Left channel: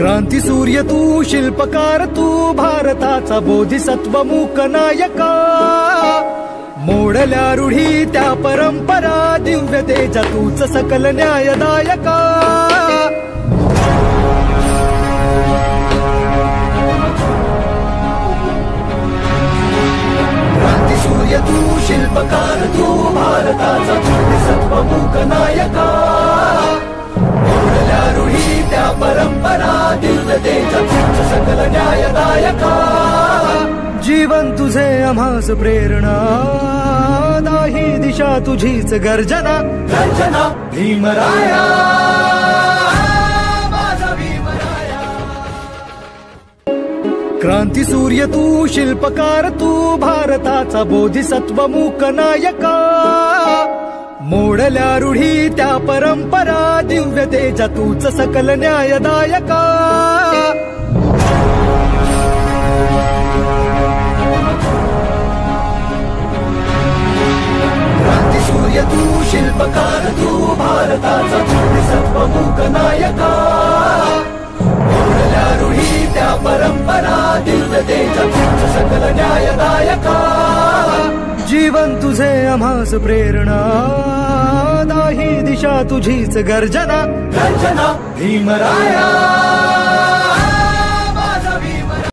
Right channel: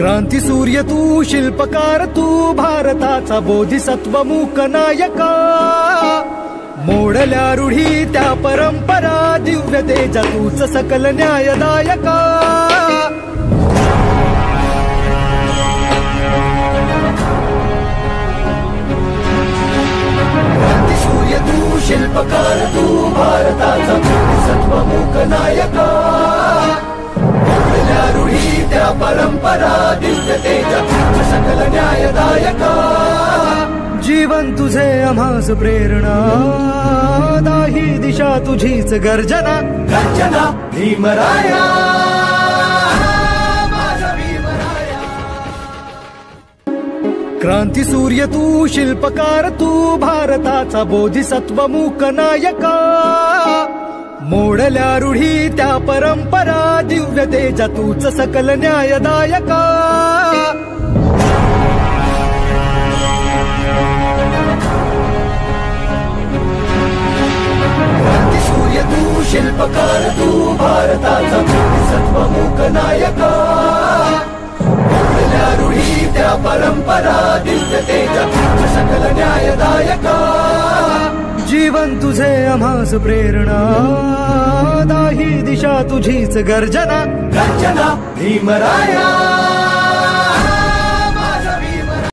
क्रांती सूर्य तू, शिल्पकार तू, भारताचा बोधिसत्व मूक नायका. मोडल्या रूढी त्या परंपरा, दिव्य तेजा तूच सकल न्यायदायका. क्रांती सूर्य तू, शिल्पकार तू, भारताचा बोधिसत्व मूक नायका. मोडल्या रूढी त्या परंपरा, दिव्य तेजा तूच सकल न्यायदायका. जीवन तुझे आम्हास प्रेरणा, दाही दिशा तुझीच गर्जना. रचना भीमराया, माझा भीमराया. क्रांती सूर्य तू, शिल्पकार तू, भारताचा बोधिसत्व मूक नायका. मोडल्या रूढी त्या परंपरा, दिव्य तेजा तूच सकल न्यायदायका. क्रांती सूर्य तू, शिल्पकार तू, भारताचा बोधिसत्व मूक नायका. मोडल्या रूढी त्या परंपरा, दिव्य तेजा तूच सकल न्यायदायका. जीवन तुझे आम्हास प्रेरणा, दाही दिशा तुझीच गर्जना. रचना भीमराया.